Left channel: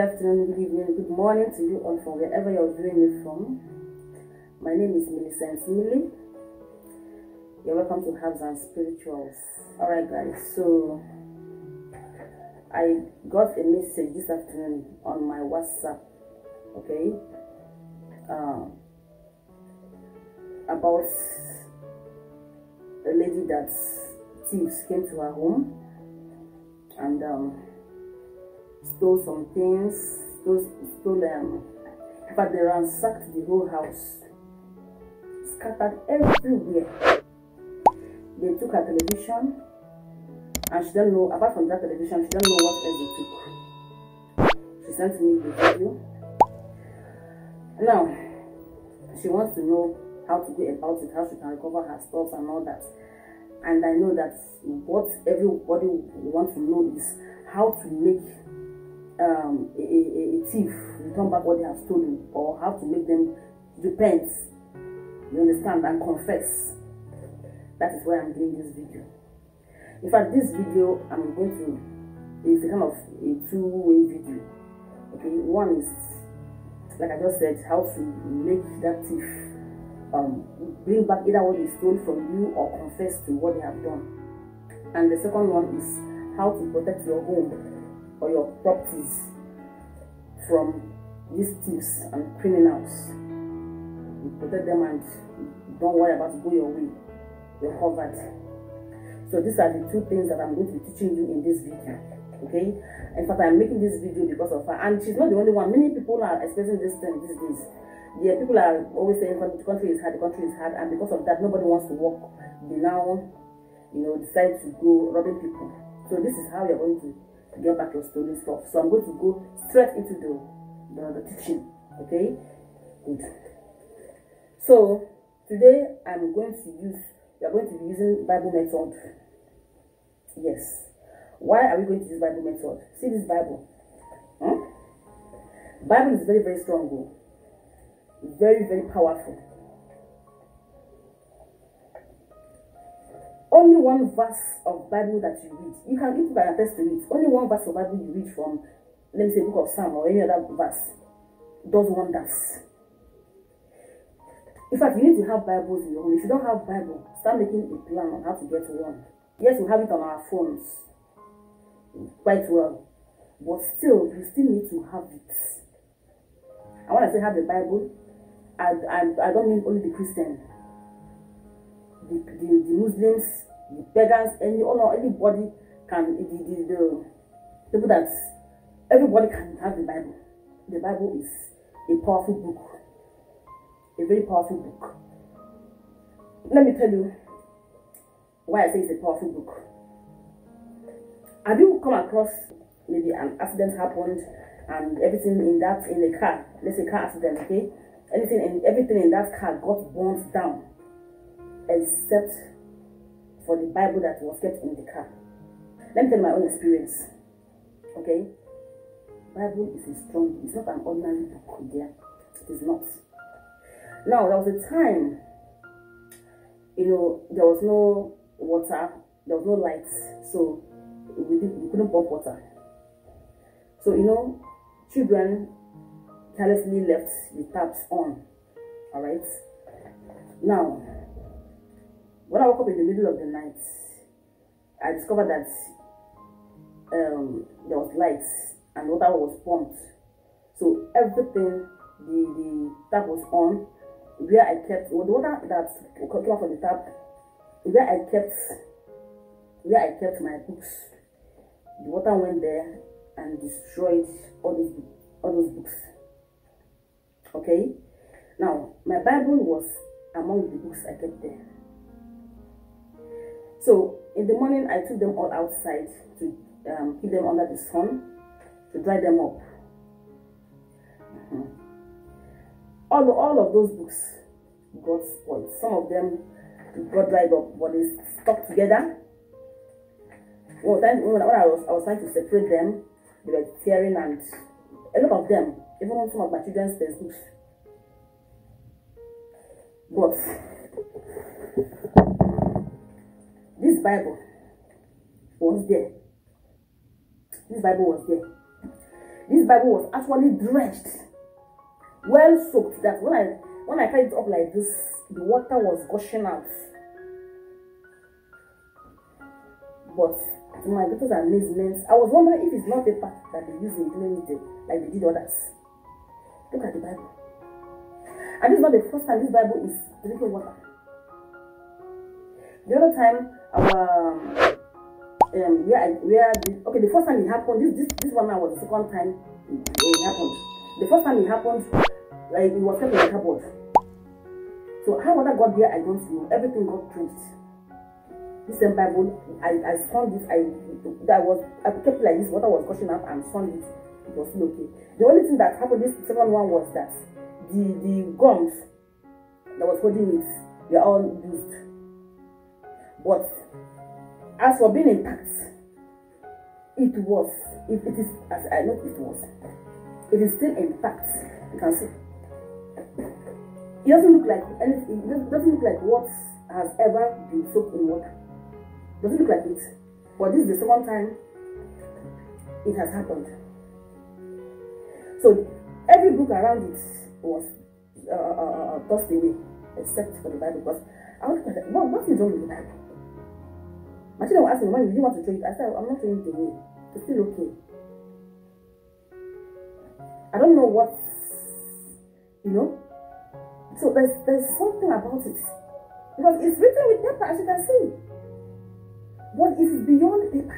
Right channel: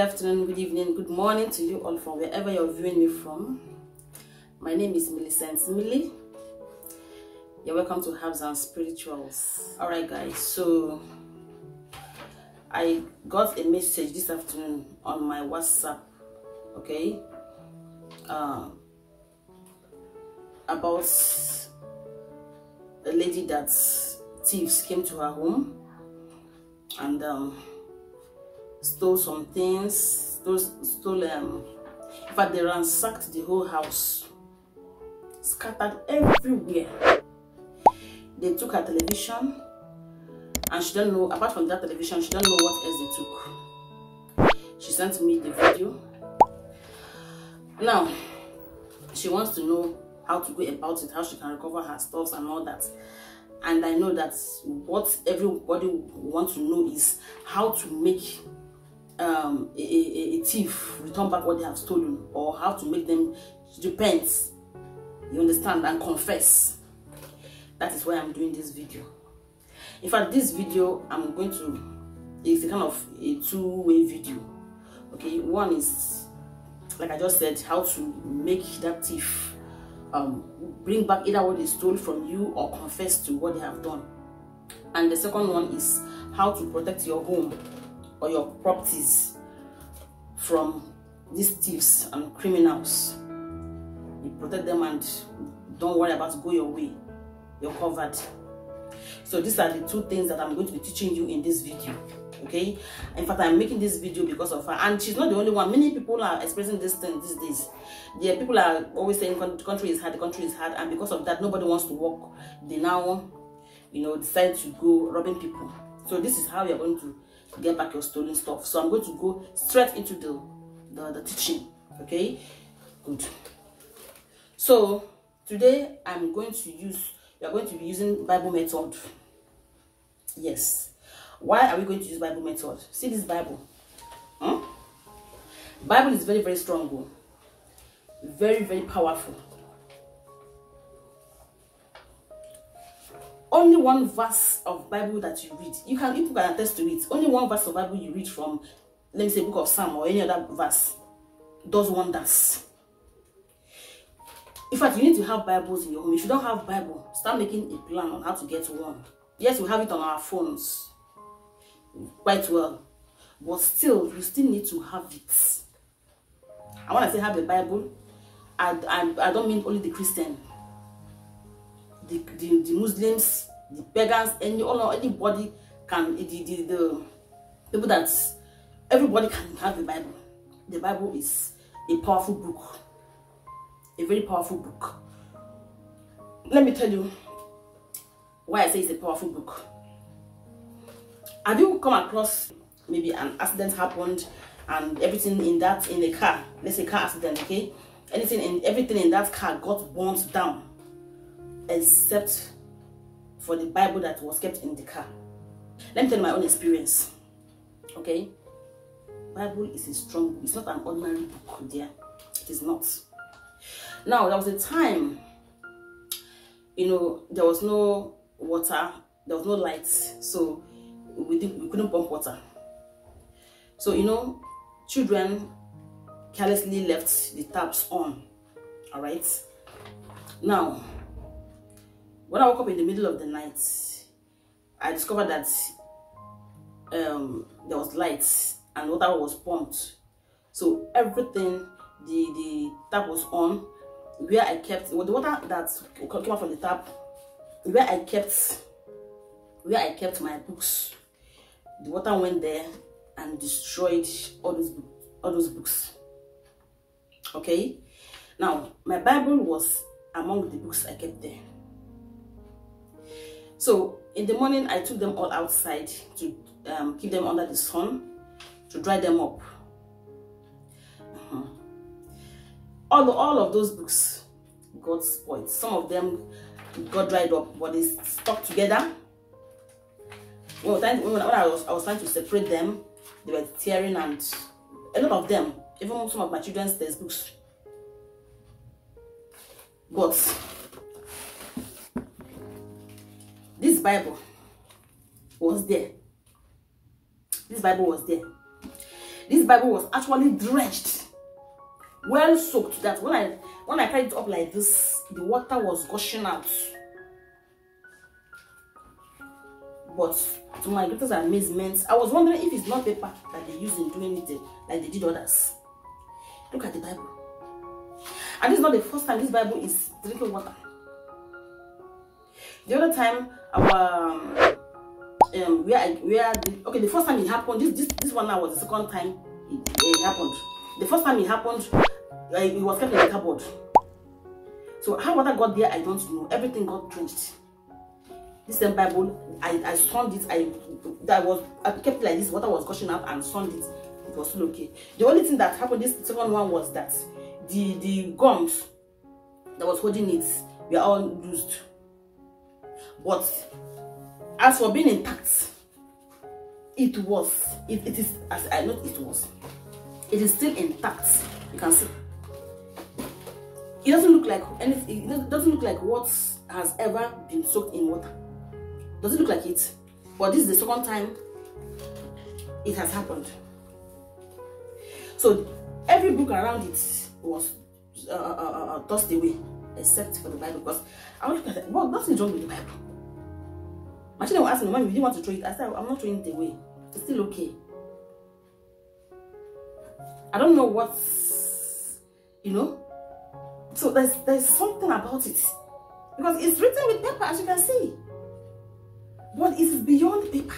afternoon, good evening, good morning to you all from wherever you're viewing me from. My name is Millicent Millie. You're welcome to Herbs and Spirituals. Alright guys, so I got a message this afternoon on my WhatsApp, okay, about a lady that thieves came to her home and stole some things, in fact they ransacked the whole house, scattered everywhere. They took her television and she don't know, apart from that television, she don't know what else they took. She sent me the video. Now she wants to know how to go about it, how she can recover her stuff and all that. And I know that what everybody wants to know is how to make a thief return back what they have stolen, or how to make them repent, you understand, and confess. That is why I'm doing this video. In fact, this video I'm going to is a kind of a two-way video. Okay, one is, like I just said, how to make that thief bring back either what they stole from you or confess to what they have done. And the second one is how to protect your home or your properties from these thieves and criminals. You protect them and don't worry about it, go your way. You're covered. So these are the two things that I'm going to be teaching you in this video. Okay, in fact, I'm making this video because of her, and she's not the only one. Many people are expressing this thing these days. Yeah, people are always saying the country is hard, the country is hard, and because of that, nobody wants to work. They now, decide to go robbing people. So this is how you're going to get back your stolen stuff. So I'm going to go straight into the teaching. Okay, good. So today we are going to be using Bible method. Yes. Why are we going to use Bible method? See this Bible. Bible is very, very strong. Very, very powerful. Only one verse of Bible that you read, people can attest to it. Only one verse of Bible you read from, let me say, book of Psalm or any other verse, does wonders. In fact, you need to have Bibles in your home. If you don't have Bible, start making a plan on how to get one. Yes, we have it on our phones quite well, but still, you still need to have it. And when I say have the Bible, I don't mean only the Christian, the Muslims, the pagans, anybody can, the people that, everybody can have the Bible. The Bible is a powerful book, a very powerful book. Let me tell you why I say it's a powerful book. Have you come across maybe an accident happened and everything in a car, let's say car accident, okay, everything in that car got burnt down except for the Bible that was kept in the car? Let me tell you my own experience. Okay, Bible is a strong book. It's not an ordinary book, dear. It is not. Now there was a time, there was no water, there was no lights, so we couldn't pump water. So children carelessly left the taps on. All right. Now, when I woke up in the middle of the night, I discovered that there was lights and water was pumped. So everything, the tap was on. Where I kept the water that came out from the tap, where I kept my books, the water went there and destroyed all those books. Okay, now my Bible was among the books I kept there. So in the morning I took them all outside to keep them under the sun to dry them up. All of those books got spoiled. Some of them got dried up, but they stuck together. When I was trying to separate them, they were tearing, and a lot of them, even some of my children's textbooks. But this Bible was there. This Bible was there. This Bible was actually drenched, well soaked, that when I carried it up like this, the water was gushing out. But to my greatest amazement, I was wondering if it's not paper that they use in doing it like they did others. Look at the Bible. And this is not the first time this Bible is drinking water. The other time, the first time it happened, this one now was the second time it happened. The first time it happened, it was kept in the cupboard. So how water got there, I don't know. Everything got drenched. This same Bible, I sunned it. I kept it like this. Water was gushing out and sunned it. It was still okay. The only thing that happened this second one was that the gums that was holding it were all used. But as for being intact, it is still intact. You can see. It doesn't look like anything. It doesn't look like what has ever been soaked in water. Doesn't look like it. But this is the second time it has happened. So every book around it was tossed away, except for the Bible. Because I was like, well, nothing wrong with the Bible. My children were asking me, when you didn't want to throw it. I said, I'm not throwing it away. It's still okay. I don't know what, So there's something about it. Because it's written with paper, as you can see. But it is beyond paper.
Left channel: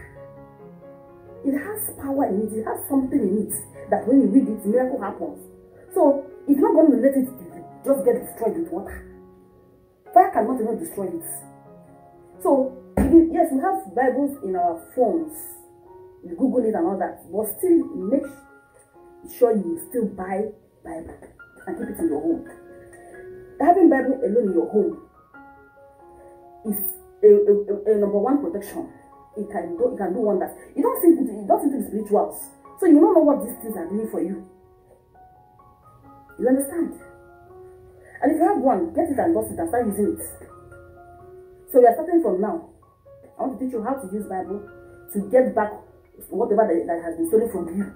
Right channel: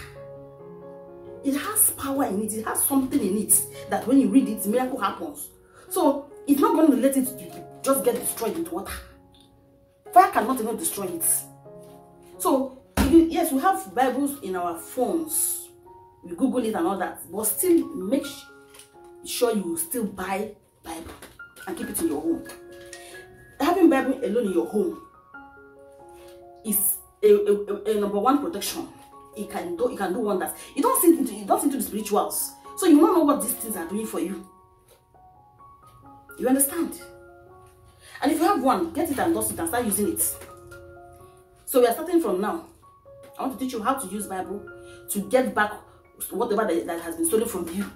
It has power in it. It has something in it that when you read it, miracle happens. So it's not going to let it just get destroyed with water. Fire cannot even destroy it. So yes, we have Bibles in our phones. We Google it and all that. But still make sure you still buy Bible and keep it in your home. Having Bible alone in your home is a number one protection. It can do wonders. You don't sink into the spirituals, so you don't know what these things are doing for you. You understand? And if you have one, get it and dust it and start using it. So we are starting from now. I want to teach you how to use Bible to get back whatever that has been stolen from you,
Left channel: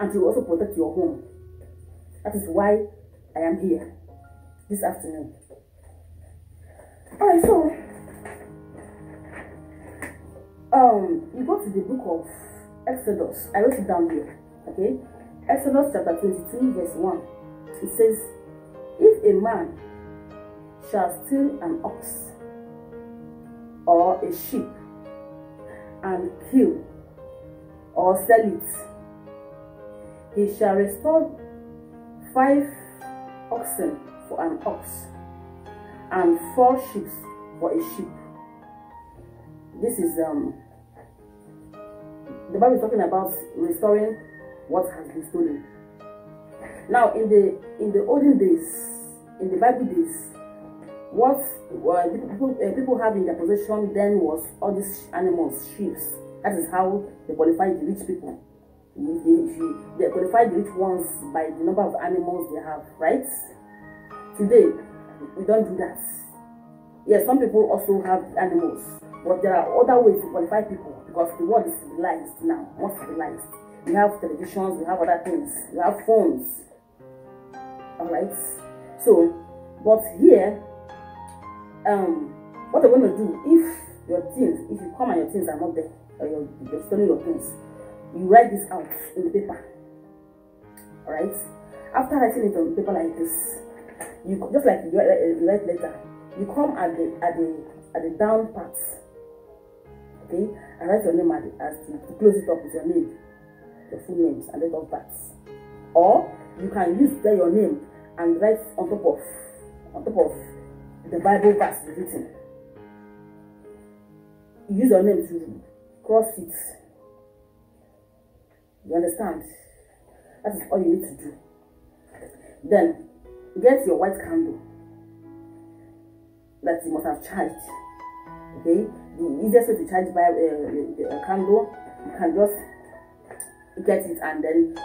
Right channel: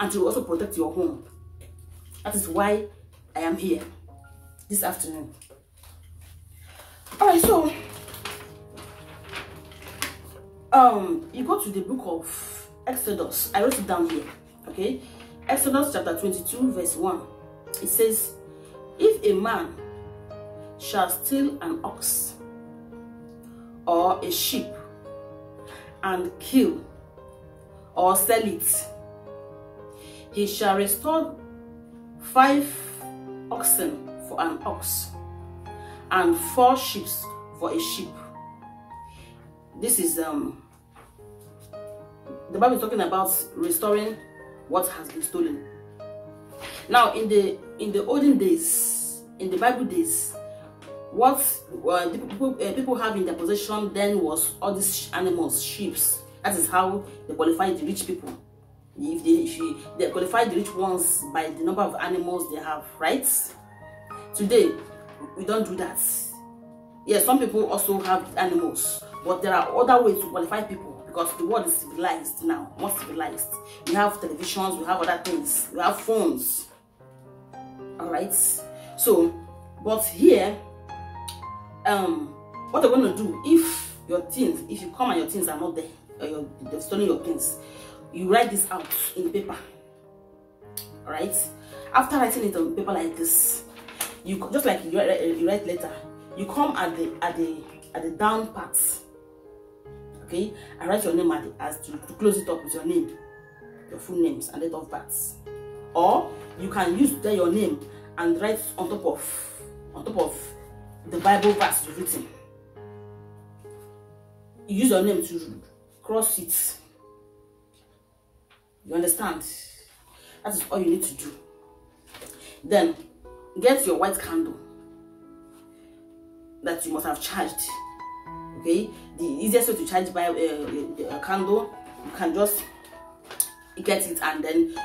and to also protect your home. That is why I am here this afternoon. Alright, so you go to the book of Exodus. I wrote it down here. Okay, Exodus chapter 22 verse 1. It says, if a man shall steal an ox or a sheep and kill or sell it, he shall restore 5 oxen for an ox and 4 sheep for a sheep. This is the Bible is talking about restoring what has been stolen. Now in the olden days, in the Bible days, what people have in their possession then was all these animals, sheep. That is how they qualified the rich people. If they qualify the rich ones by the number of animals they have, right? Today, we don't do that. Yes, some people also have animals, but there are other ways to qualify people because the world is civilized now, more civilized. We have televisions, we have other things, we have phones. Alright? So, but here, what they're going to do, if you come and your things are not there, or they've stolen your things, you write this out in paper. Alright? After writing it on paper like this, you just like you write letter, you come at the down parts, okay, and write your name as to close it up with your name, your full names and date of birth. Or you can use there your name and write on top of the Bible verse you've written. You use your name to cross it. You understand? That is all you need to do. Then get your white candle that you must have charged. Okay, the easiest way to charge by a candle, you can just get it and then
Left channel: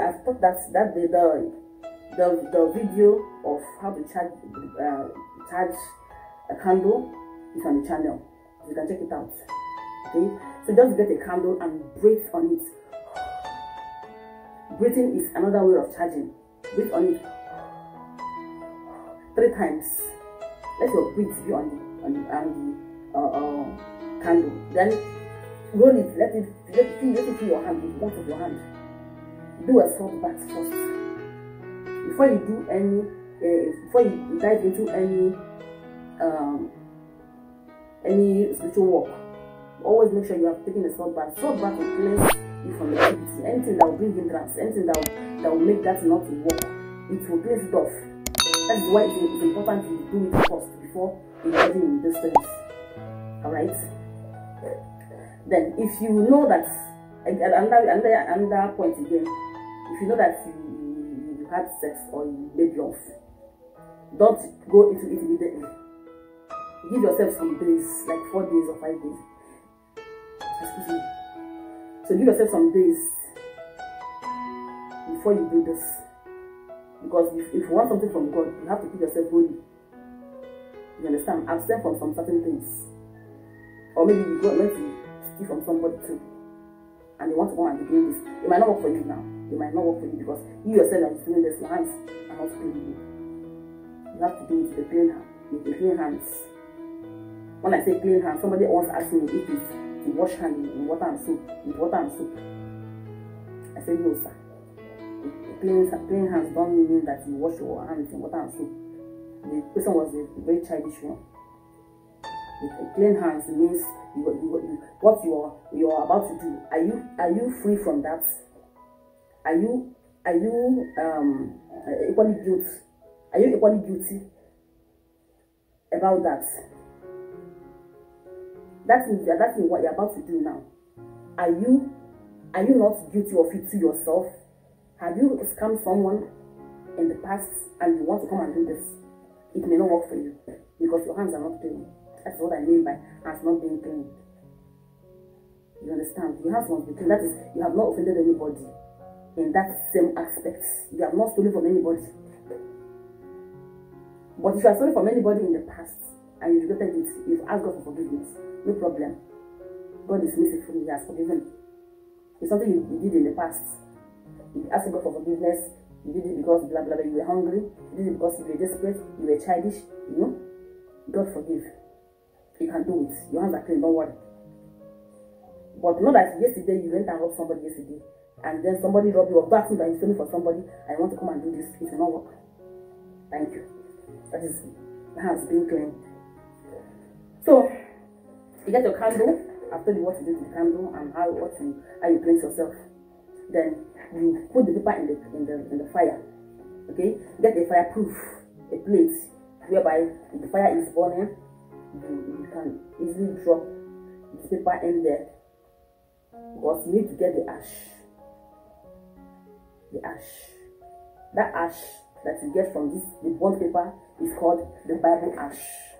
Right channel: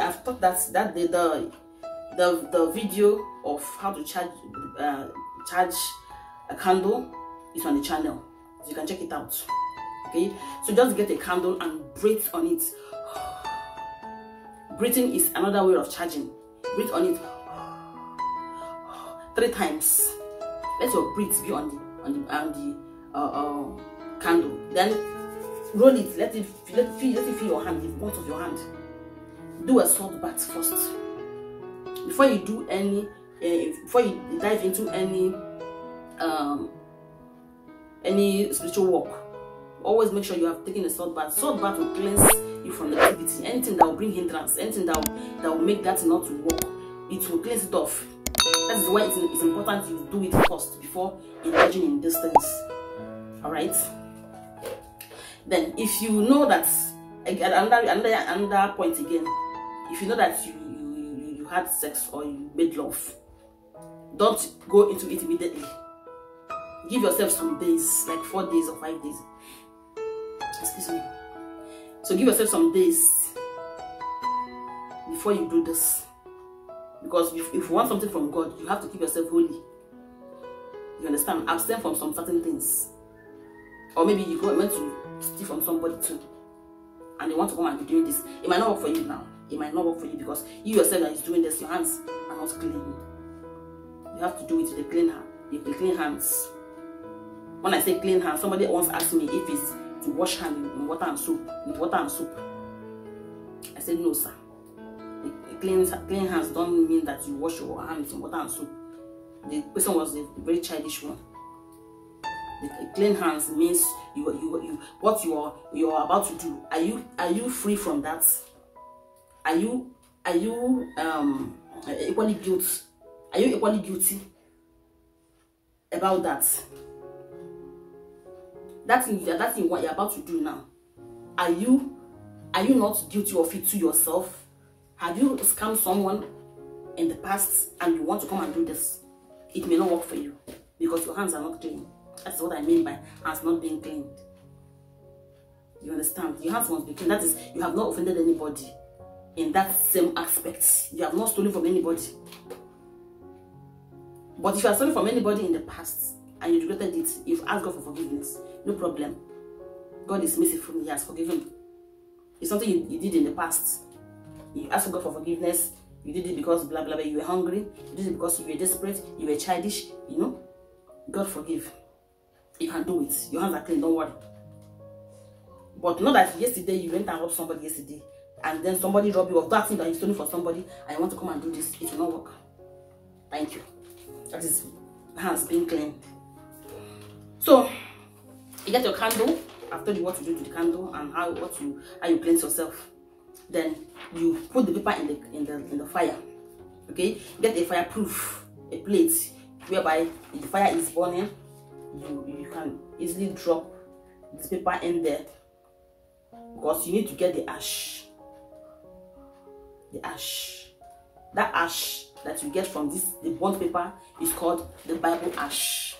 I've thought that the video of how to charge a candle is on the channel, so you can check it out. Okay, so just get a candle and breathe on it. Breathing is another way of charging. Breathe on it 3 times. Let your breath be on the candle. Then roll it. Let it feel your hand, the point of your hand. Do a salt bath first. Before you do before you dive into any spiritual work, always make sure you have taken a salt bath. Salt bath will cleanse you from negativity. Anything that will bring hindrance, anything that will make that not to work, it will cleanse it off. That is why it's important to do it first before engaging in these things. All right. Then, if you know that another point again, if you know that you had sex or you made love, don't go into it immediately. Give yourself some days, like 4 days or 5 days. Excuse me. So give yourself some days before you do this. Because if you want something from God, you have to keep yourself holy. You understand? Abstain from some certain things. Or maybe you meant to steal from somebody too, and they want to come and be doing this. It might not work for you now. It might not work for you because you yourself that is doing this, your hands are not clean. You have to do it with the clean hands. When I say clean hands, somebody once asked me if it's to wash hands in water and soap, with water and soap. I said no, sir. Clean hands don't mean that you wash your hands in water and soap. The question was a very childish one. The clean hands means what you are about to do. Are you free from that? Are you equally guilty? Are you equally guilty about that? That thing what you're about to do now. Are you not guilty of it to yourself? Have you scammed someone in the past and you want to come and do this? It may not work for you because your hands are not clean. That's what I mean by hands not being cleaned. You understand? Your hands must be clean. That is, you have not offended anybody in that same aspect. You have not stolen from anybody. But if you have stolen from anybody in the past and you regretted it, you've asked God for forgiveness. No problem. God is merciful. He has forgiven. It's something you did in the past. You asked God for forgiveness. You did it because blah blah blah. You were hungry. You did it because you were desperate. You were childish. You know. God forgive. You can do it. Your hands are clean. Don't worry. But not that yesterday you went and robbed somebody yesterday, and then somebody robbed you of that thing that you stole for somebody, and you want to come and do this. It will not work. Thank you. That is hands being clean. So you get your candle. I've told you what to do to the candle and how you cleanse yourself. Then you put the paper in the fire. Okay, get a fireproof plate whereby if the fire is burning, you can easily drop this paper in there, because you need to get the ash. That ash that you get from the burnt paper is called the Bible ash.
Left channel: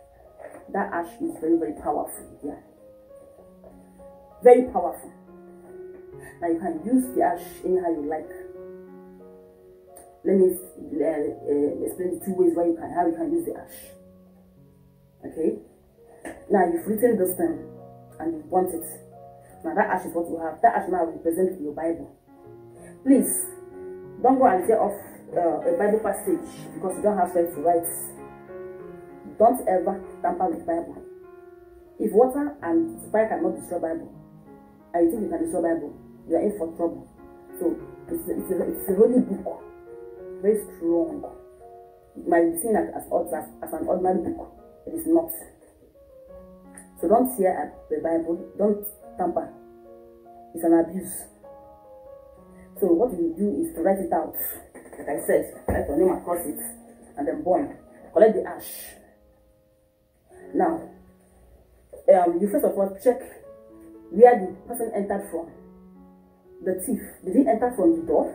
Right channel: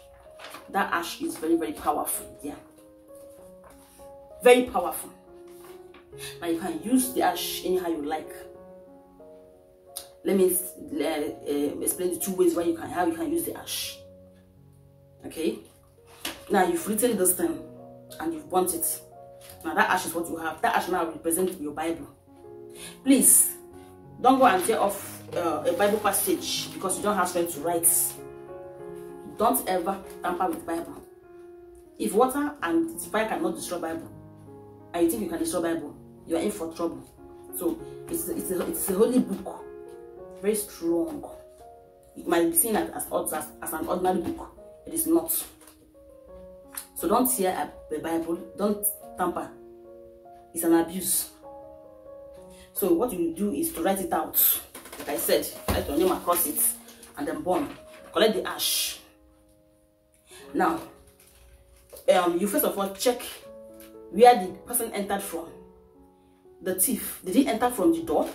That ash is very, very powerful. Yeah, very powerful. Now you can use the ash anyhow you like. Let me explain the 2 ways how you can use the ash. Okay. Now you've written this thing and you've burnt it. Now that ash is what you have. That ash now represents your Bible. Please don't go and tear off a Bible passage because you don't have strength to write. Don't ever tamper with Bible. If water and fire cannot destroy Bible, and you think you can destroy Bible, you are in for trouble. So it's a holy book, very strong. It might be seen as an ordinary book. It is not. So don't tear up the Bible. Don't tamper. It's an abuse. So what you do is to write it out. Like I said, write your name across it and then burn. Collect the ash. Now, you first of all check where the person entered from. The thief, did he enter from the door?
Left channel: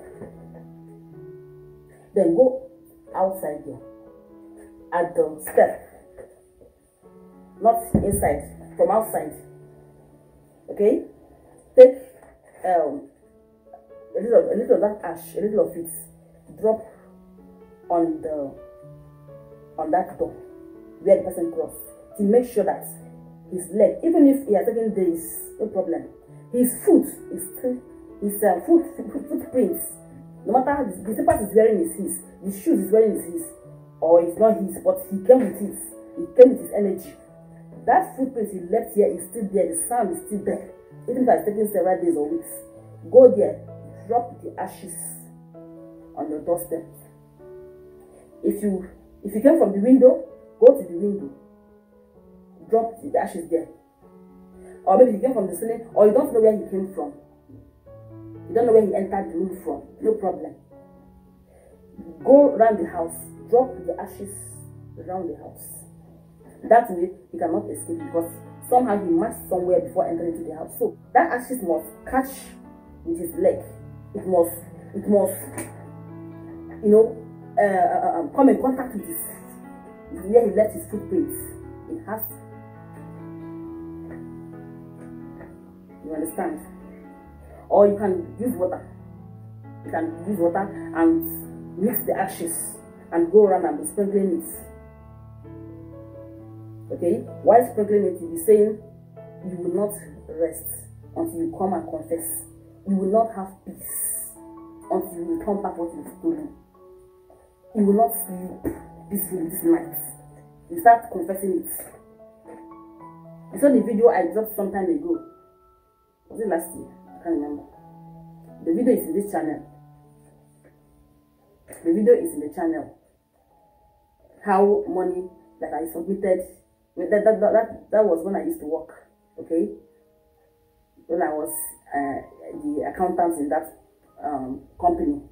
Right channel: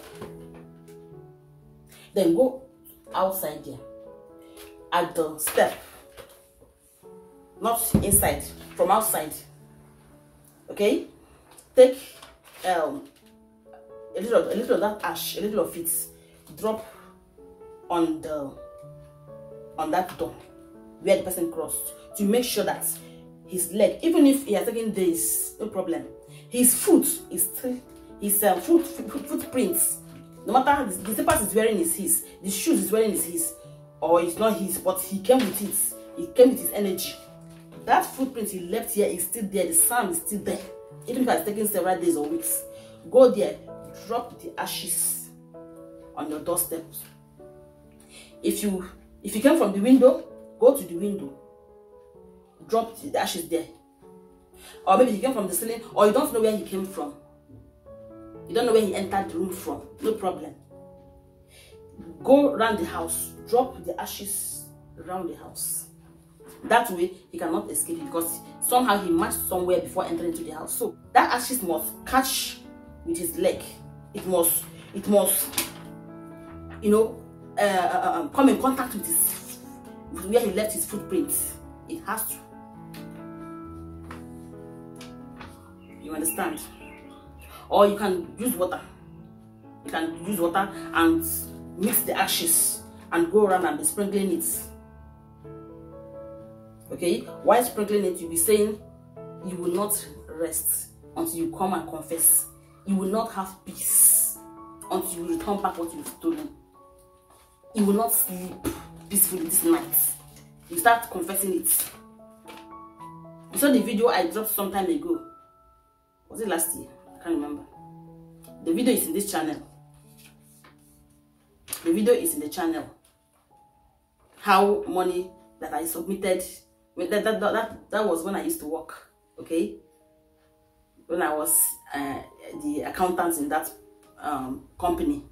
Then go outside there at the step, not inside, from outside. Okay, take a little of that ash, a little of it, drop on that door where the person crossed, to make sure that his leg, even if he has taken days, no problem, his foot is still, his footprints No matter the slippers is wearing is his, the shoes is wearing is his, or it's not his, but he came with it. He came with his energy. That footprint he left here is still there. The sound is still there. Even if it's taken several days or weeks. Go there, drop the ashes on your doorstep. If you came from the window, go to the window. Drop the ashes there. Or maybe he came from the ceiling, or you don't know where he came from. You don't know where he entered the room from. No problem. Go around the house. Drop the ashes around the house. That way, he cannot escape because somehow he matched somewhere before entering into the house. So that ashes must catch with his leg. It must, you know, come in contact with where he left his footprints. It has to. You understand? Or you can use water. You can use water and mix the ashes and go around and be sprinkling it. Okay? While sprinkling it, you'll be saying, you will not rest until you come and confess. You will not have peace until you return back what you've stolen. You will not sleep peacefully this night. You start confessing it. You saw the video I dropped some time ago. Was it last year? I can't remember. The video is in this channel. The video is in the channel. How money that I submitted, that was when I used to work, okay? When I was the accountant in that company.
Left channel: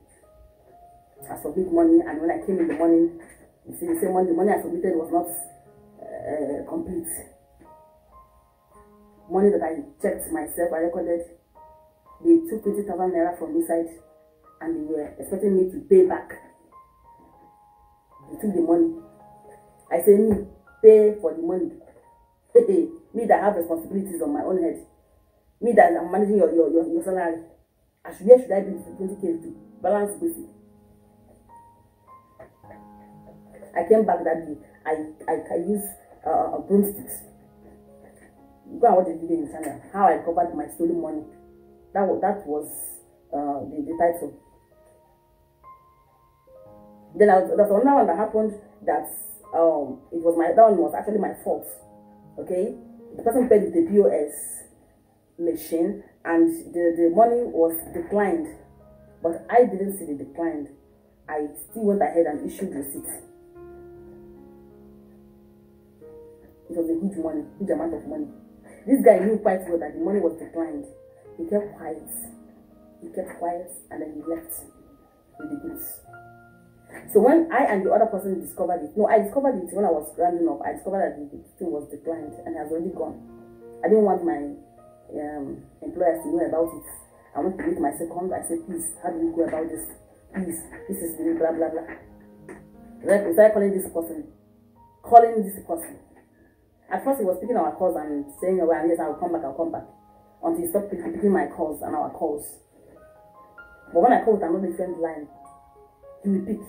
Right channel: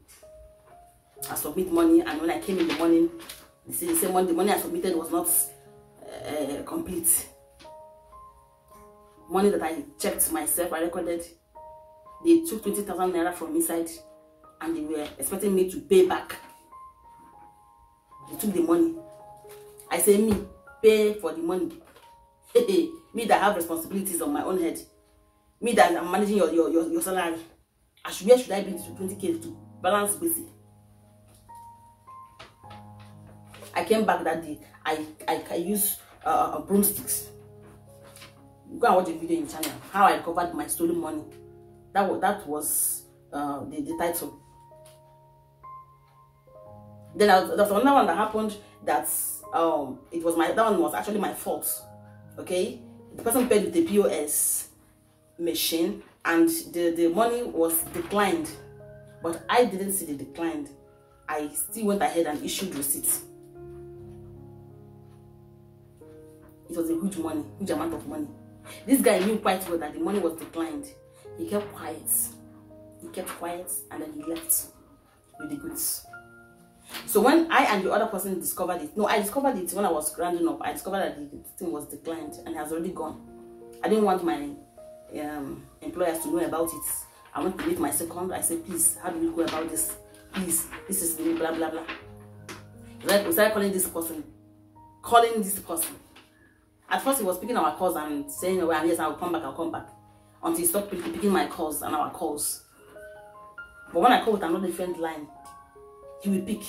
I submit money, and when I came in the morning, the same one, the money I submitted was not complete. Money that I checked myself, I recorded. They took 20,000 naira from inside, and they were expecting me to pay back. They took the money. I say, me, pay for the money. Me that have responsibilities on my own head. Me that I'm managing your salary. Where should I be to 20K to balance basic? I came back that day. I used broomsticks. Go and watch the video in the channel. How I recovered my stolen money. That was the title. Then there's another one that happened that that one was actually my fault. Okay, the person paid with the POS machine and the money was declined, but I didn't see the declined. I still went ahead and issued receipts. It was a huge amount of money. This guy knew quite well that the money was declined. He kept quiet. And then he left with the goods. So when I and the other person discovered it, no, I discovered it when I was rounding up. I discovered that the thing was declined and has already gone. I didn't want my employers to know about it. I went to meet my second. I said, please, how do we go about this? Please, this is blah blah blah. We started calling this person. At first, he was picking our calls and saying, oh, yes, I'll come back. Until he stopped picking my calls and our calls. But when I call with another different line, he will pick.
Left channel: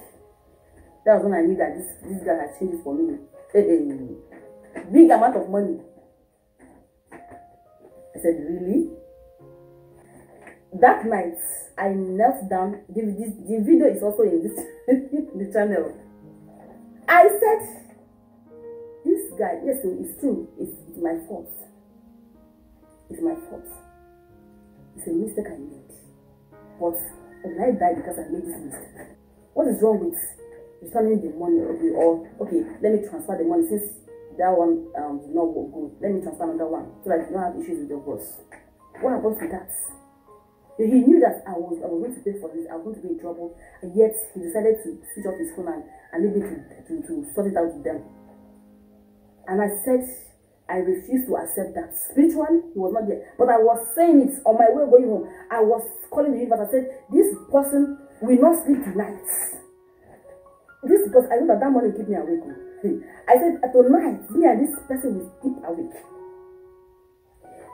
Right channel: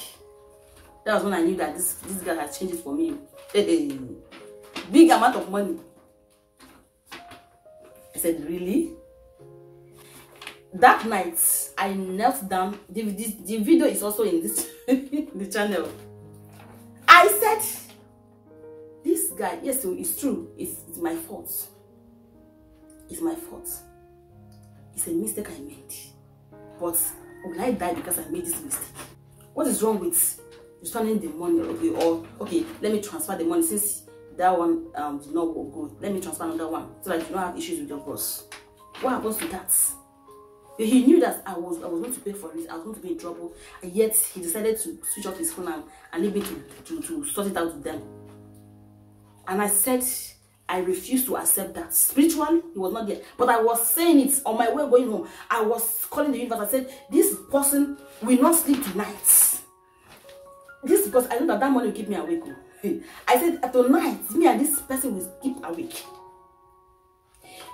That was when I knew that this guy has changed it for me. Big amount of money. I said, really? That night, I knelt down. The video is also in this the channel. I said, this guy, yes, so it's true. It's my fault. It's my fault. It's a mistake I made. But will I die because I made this mistake? What is wrong with returning the money? Okay, let me transfer the money since that one did not go good. Let me transfer another one so that you don't have issues with your boss. What happens to that? He knew that I was going to pay for it. I was going to be in trouble, and yet he decided to switch off his phone and leave me to sort it out with them. And I said, I refused to accept that. Spiritually, he was not there. But I was saying it on my way going home. I was calling the universe. I said, this person will not sleep tonight. This because I know that money will keep me awake. I said, tonight, me and this person will keep awake.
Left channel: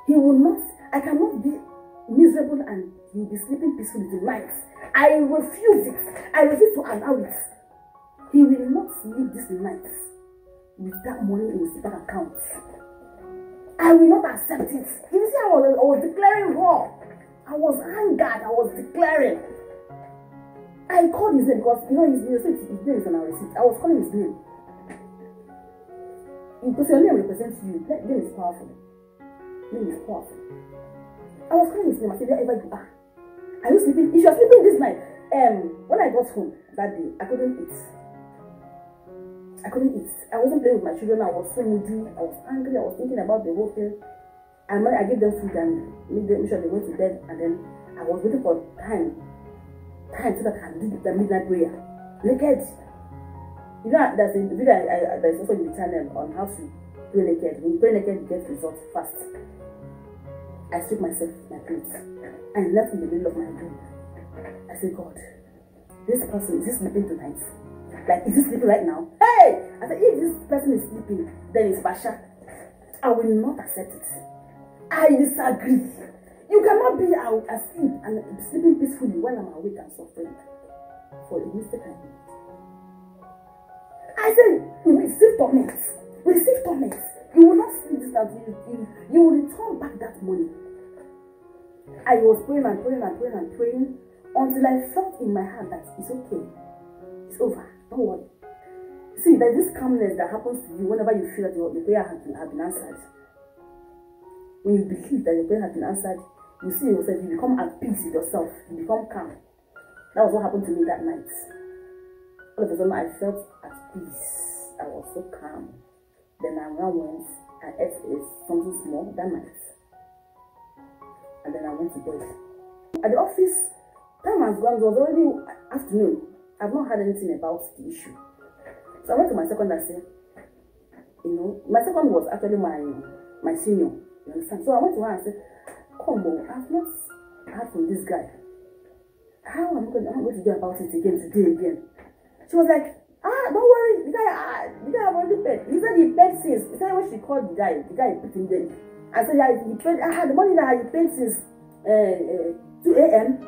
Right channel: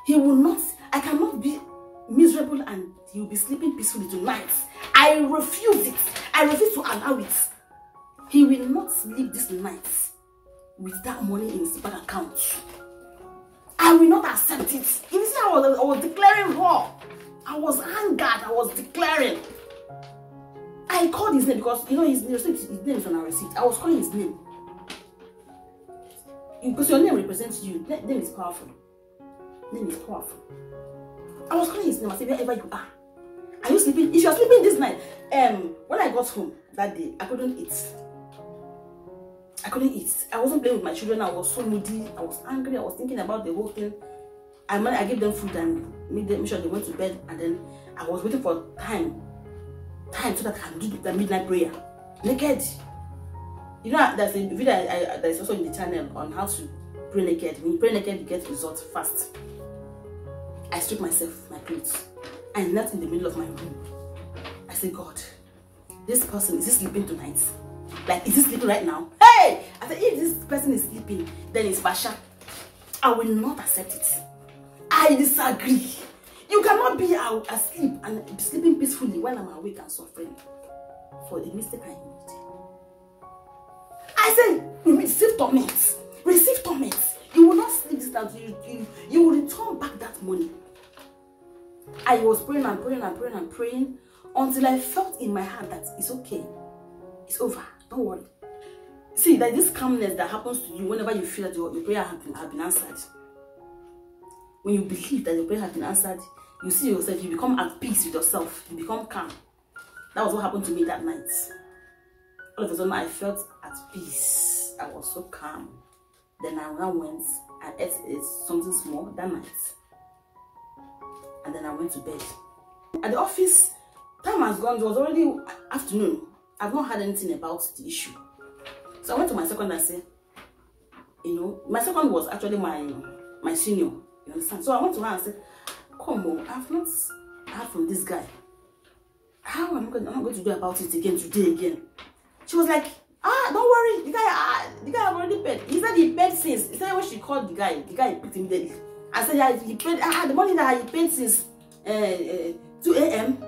He will not, I cannot be miserable and he will be sleeping peacefully tonight. I refuse it. I refuse to allow it. He will not sleep this night with that money in his bank account. I will not accept it. You see, I was declaring war. I was angered. I was declaring. I called his name because, you know, his name is on our receipt. I was calling his name. Because your name represents you. Name is powerful. Name is powerful. I was calling his name. I said, wherever you are you sleeping? If you are sleeping this night, when I got home that day, I couldn't eat. I wasn't playing with my children. I was so moody. I was angry. I was thinking about the whole thing. I gave them food and made sure they went to bed. And then I was waiting for time so that I can do the midnight prayer naked. You know, there's a video that is also in the channel on how to pray naked. When you pray naked, you get results fast. I stripped myself, my clothes, and knelt in the middle of my room. I said, God, this person, is he sleeping tonight? Like, is he sleeping right now? Hey! I said, if this person is sleeping, then it's Basha. I will not accept it. I disagree. You cannot be asleep and be sleeping peacefully while I'm awake and suffering for the mistake I made. I said, receive torment. Receive torment. You will not sleep this night. You will return back that money. I was praying and praying and praying and praying until I felt in my heart that it's okay. It's over. Don't worry. See, there's this calmness that happens to you whenever you feel that your prayer has been answered. When you believe that your prayer has been answered, you see yourself, you become at peace with yourself. You become calm. That was what happened to me that night. All of a sudden, I felt at peace. I was so calm. Then I now went and ate something small that night. And then I went to bed. At the office, time has gone. It was already afternoon. I've not heard anything about the issue. So I went to my second and I said, you know, my second was actually my senior. You understand? So I went to her and said, come on, I've not heard from this guy. How am I going to do about it today again? She was like, don't worry, the guy have already paid. He said he paid since. He said when she called the guy picked immediately. I said, yeah, he paid the money that he paid since 2 a.m.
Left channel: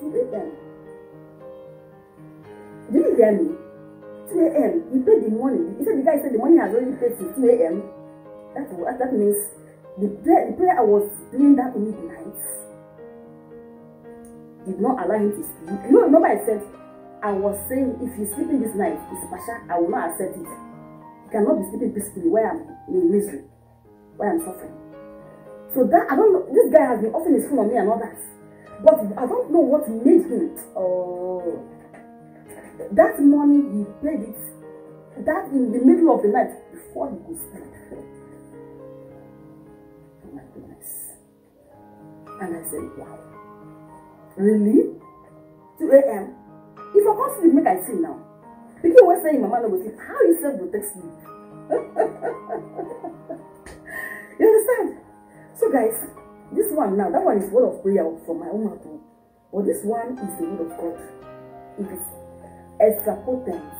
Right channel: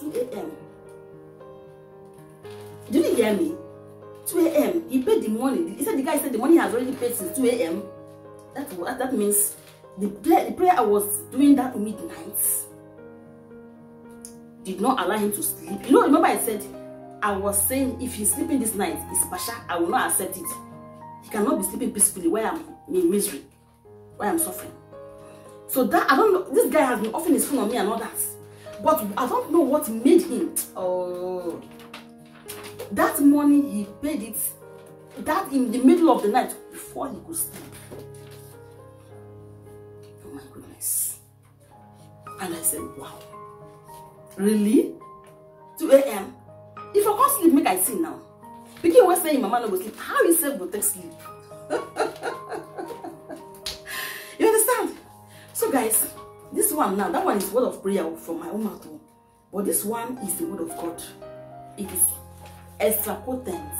2 a.m. Did you hear me? 2 a.m. He paid the money. He said the guy said the money has already paid since 2 a.m. That means the prayer I was doing that midnight did not allow him to sleep. You know, remember I said I was saying if he's sleeping this night, it's Pasha, I will not accept it. He cannot be sleeping peacefully while I'm in misery, while I'm suffering. So that, I don't know, this guy has been offering his phone on me and all that. But I don't know what made him. That money he paid it, that in the middle of the night before he could sleep. Oh my goodness. And I said, wow. Really? 2 a.m. If I can't sleep, make I see now. Because was saying Mama no go sleep. How you self will take sleep? You understand? So guys, this one now, that one is word of prayer from my own mouth. But this one is the word of God. It is extra potent,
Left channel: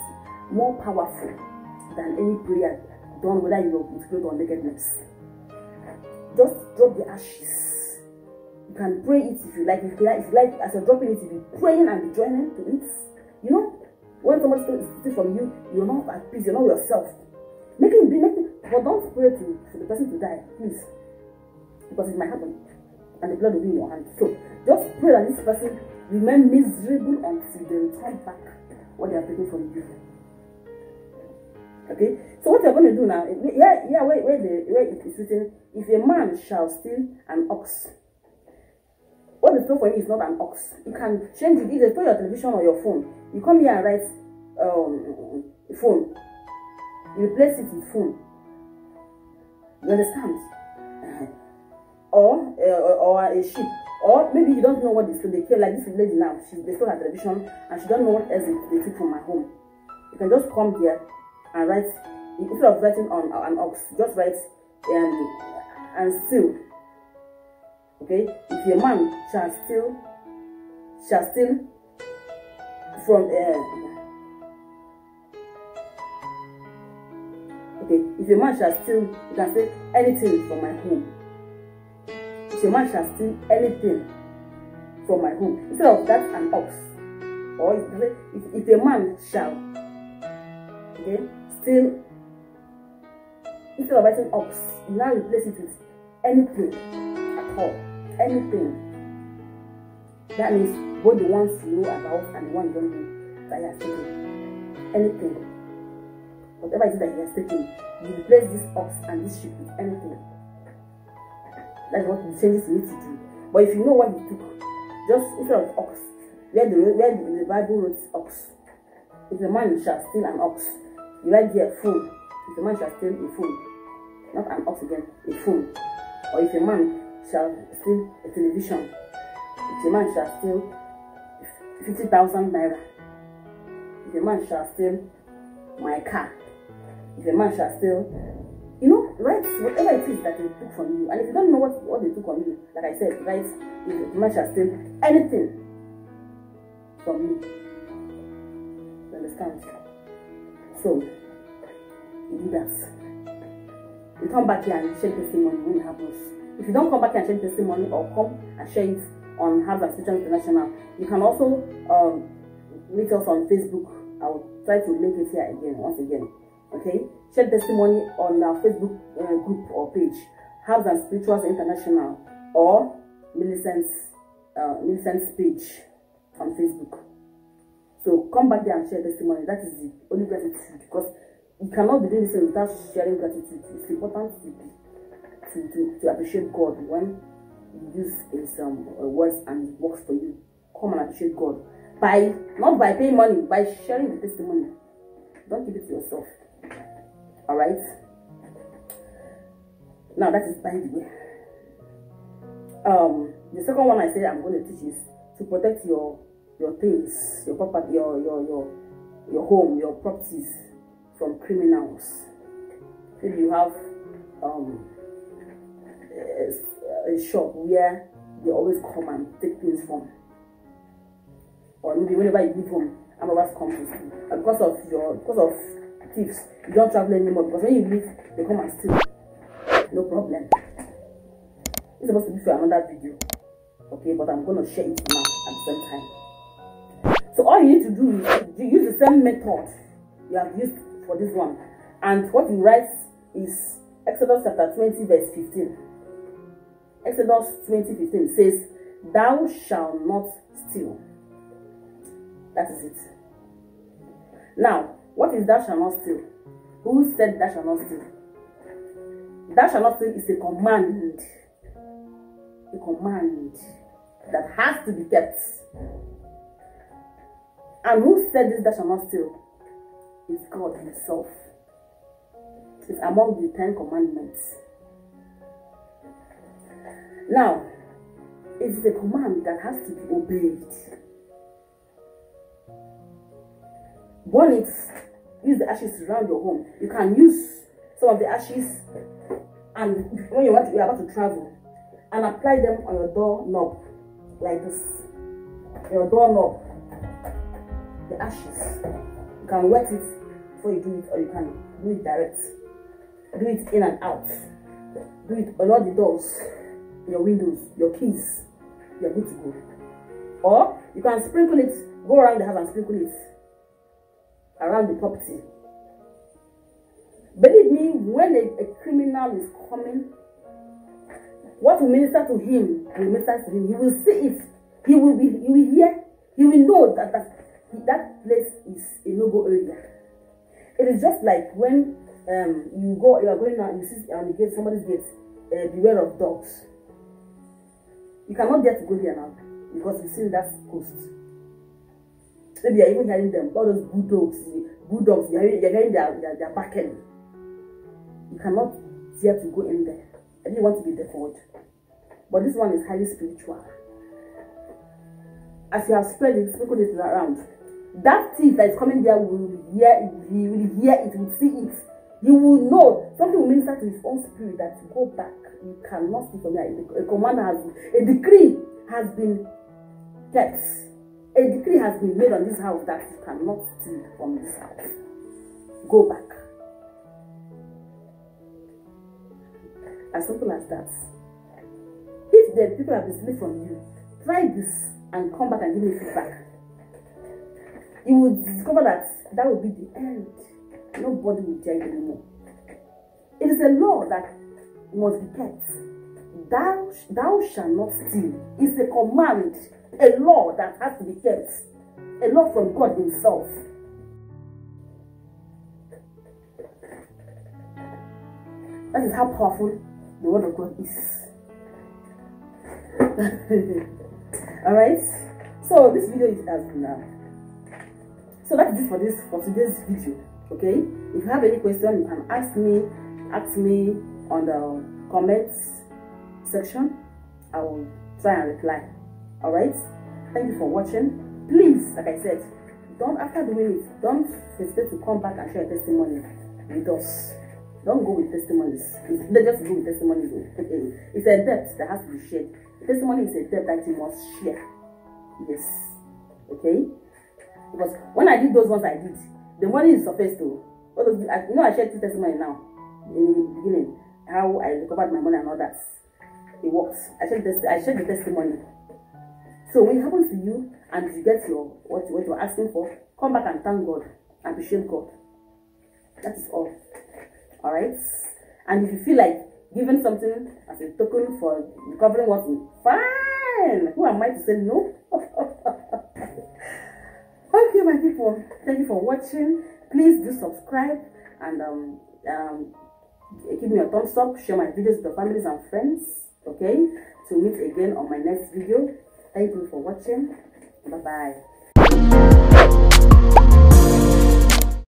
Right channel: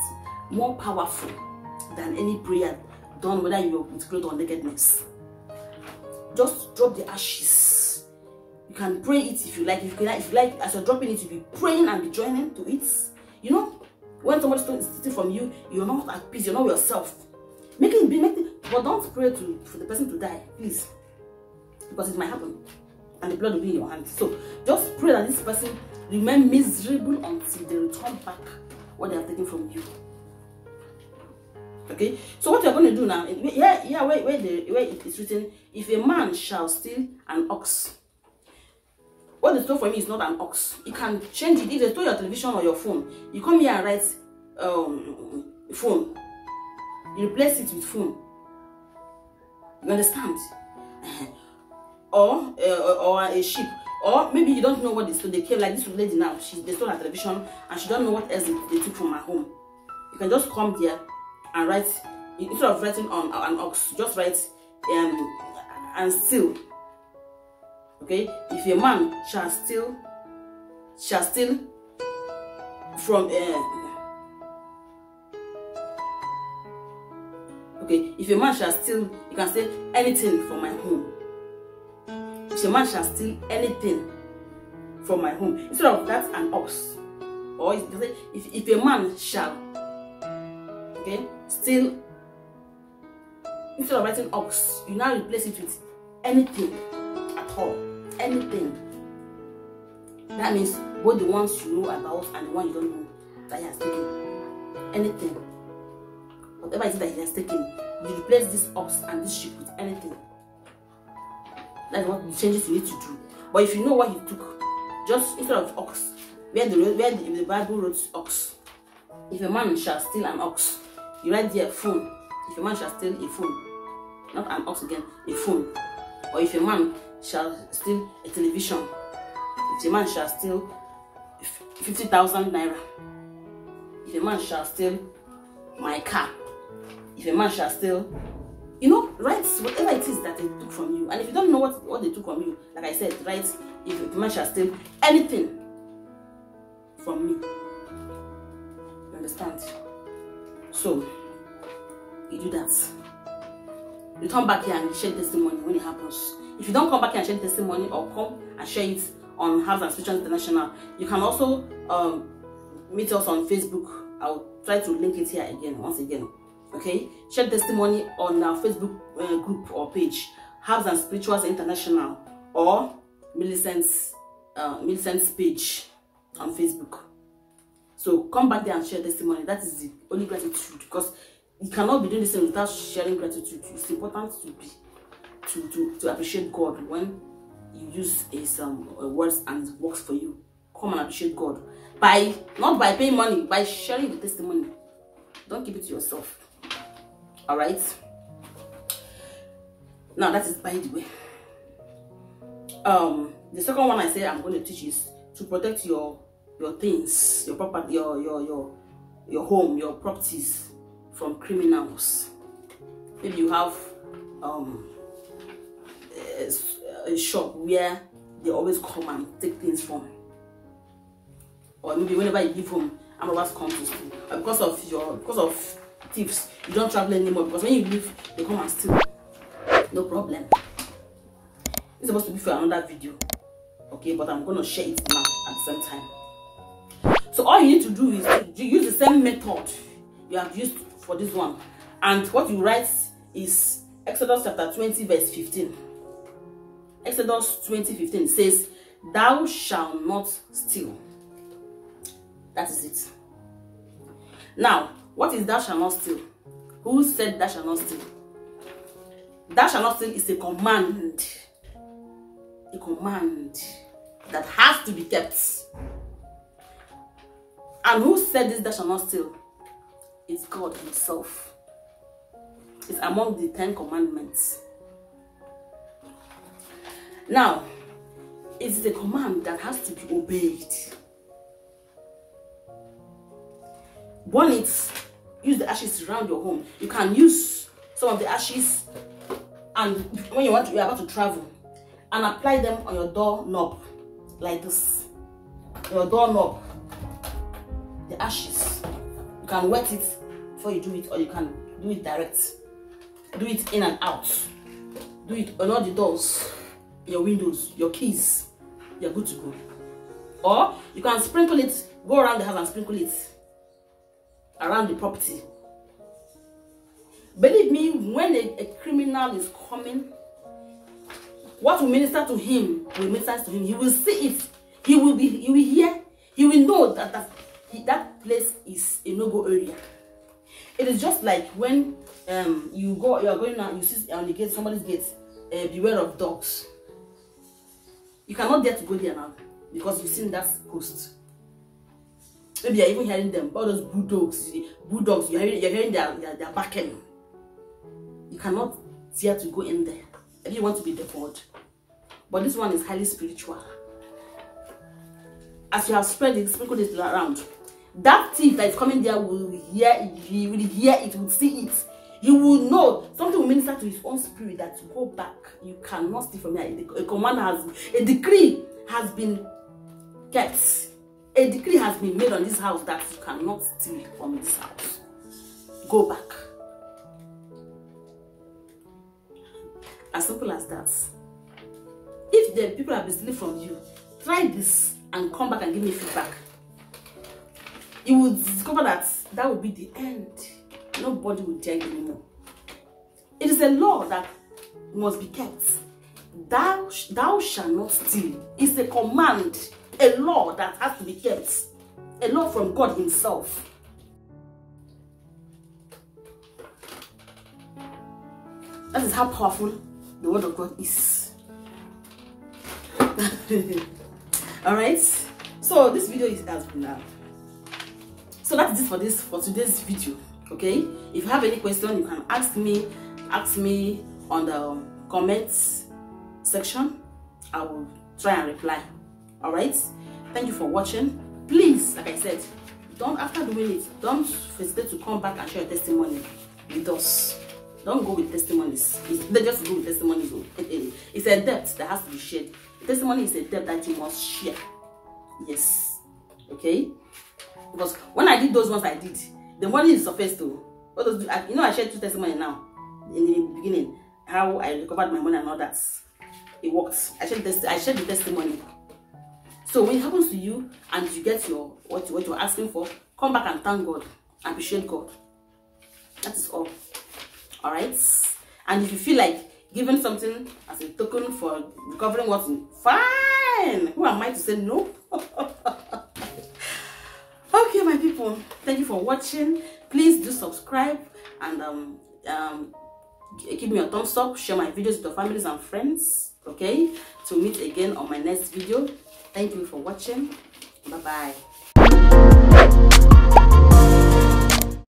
more powerful than any prayer done whether you're with clothes or nakedness. Just drop the ashes. You can pray it if you like. If you like, as you're dropping it, you'll be praying and be joining to it. You know, when somebody steals from you, you're not at peace. You're not yourself. Make it, but don't pray for the person to die, please, because it might happen, and the blood will be in your hands. So just pray that this person remain miserable until they return back what they have taken from you. Okay. So what you're going to do now? Where it is written, if a man shall steal an ox. What they stole from you is not an ox. You can change it. If they stole your television or your phone, you come here and write phone. You replace it with phone. You understand? Or a sheep. Or maybe you don't know what they stole. They came like this lady now. They stole her television and she don't know what else they took from her home. You can just come there and write, instead of writing on an ox, just write and steal. Okay, if a man shall steal from okay, if a man shall steal, you can say anything from my home. If a man shall steal anything from my home, instead of that, an ox. Or you can say if a man shall, okay, steal, instead of writing ox, you now replace it with anything at all. Anything. That means both the ones you know about and the one you don't know that he has taken. Anything, whatever it is that he has taken, you replace this ox and this sheep with anything. That's what the changes you need to do. But if you know what he took, just instead of ox, where the Bible wrote ox, if a man shall steal an ox, you write there phone. If a man shall steal a phone, not an ox again, a phone. Or if a man shall steal a television, if a man shall steal 50,000 naira, if a man shall steal my car, if a man shall steal, you know, write whatever it is that they took from you. And if you don't know what they took from you, like I said, write if a man shall steal anything from me. You understand? So you do that. You come back here and share testimony when it happens. If you don't come back here and share testimony, or come and share it on Herbs and Spirituals International, you can also meet us on Facebook. I'll try to link it here again, once again. Okay, share testimony on our Facebook group or page, Herbs and Spirituals International, or Millicent's page on Facebook. So come back there and share testimony. That is the only gratitude, because you cannot be doing this without sharing gratitude. It's important to appreciate God when you use some words and it works for you. Come and appreciate God not by paying money, by sharing the testimony. Don't keep it to yourself. All right. Now that is by the way. The second one I say I'm going to teach is to protect your things, your property, your home, your properties from criminals. Maybe you have a shop where they always come and take things from, or maybe whenever you leave home, robbers come to steal. Because of thieves, you don't travel anymore, because when you leave, they come and steal. No problem. It's supposed to be for another video, okay? But I'm gonna share it now at the same time. So all you need to do is to use the same method you have used for this one, and what you write is Exodus chapter 20 verse 15. Exodus 20:15 says, "Thou shalt not steal." That is it. Now, what is thou shalt not steal? Who said thou shalt not steal? Thou shalt not steal is a command. A command that has to be kept. And who said this thou shalt not steal? It's God himself. It's among the 10 commandments. Now, it's the command that has to be obeyed. Burn it. Use the ashes around your home. You can use some of the ashes, and when you're about to travel, and apply them on your doorknob like this. Your doorknob, the ashes. You can wet it before you do it, or you can do it direct. Do it in and out. Do it on all the doors, your windows, your keys. You're good to go. Or you can sprinkle it, go around the house and sprinkle it around the property. Believe me, when a criminal is coming, what will minister to him will minister to him. He will see it. He will hear. He will know that place is a no-go area. It is just like when you are going out, you see on the gate, somebody's gate, beware of dogs. You cannot dare to go there now because you've seen that post. Maybe you're even hearing them, all those bulldogs, you're hearing their barking. You cannot dare to go in there if you want to be deferred. But this one is highly spiritual. As you have sprinkled it around, that thief that is coming there will hear it, he will hear it, will see it. You will know, something will minister to his own spirit that to go back. You cannot steal from here. A decree has been kept. A decree has been made on this house that you cannot steal from this house. Go back. As simple as that. If the people have been stealing from you, try this and come back and give me feedback. You will discover that will be the end. Nobody will dare anymore. It is a law that must be kept. Thou shalt not steal. It's a command. a law that has to be kept, a law from God himself. That is how powerful the word of God is. All right, so this video has been so that is it for today's video. Okay, if you have any question, you can ask me on the comments section. I will try and reply. All right, thank you for watching. Please, like I said, after doing it, don't hesitate to come back and share your testimony with us. Don't go with testimonies. They just go with testimonies. It's a debt that has to be shared. The testimony is a debt that you must share. Yes. Okay? Because when I did those ones I did, the money is surfaced to. You know, I shared 2 testimonies now. In the beginning, how I recovered my money and all that. It worked. I shared the testimony. So when it happens to you and you get what you're asking for, come back and thank God. Appreciate God. That is all. Alright, and if you feel like giving something as a token for recovering what's fine, who am I to say no? Okay, my people, thank you for watching. Please do subscribe and give me a thumbs up. Share my videos with your families and friends. Okay, to meet again on my next video. Thank you for watching. Bye bye.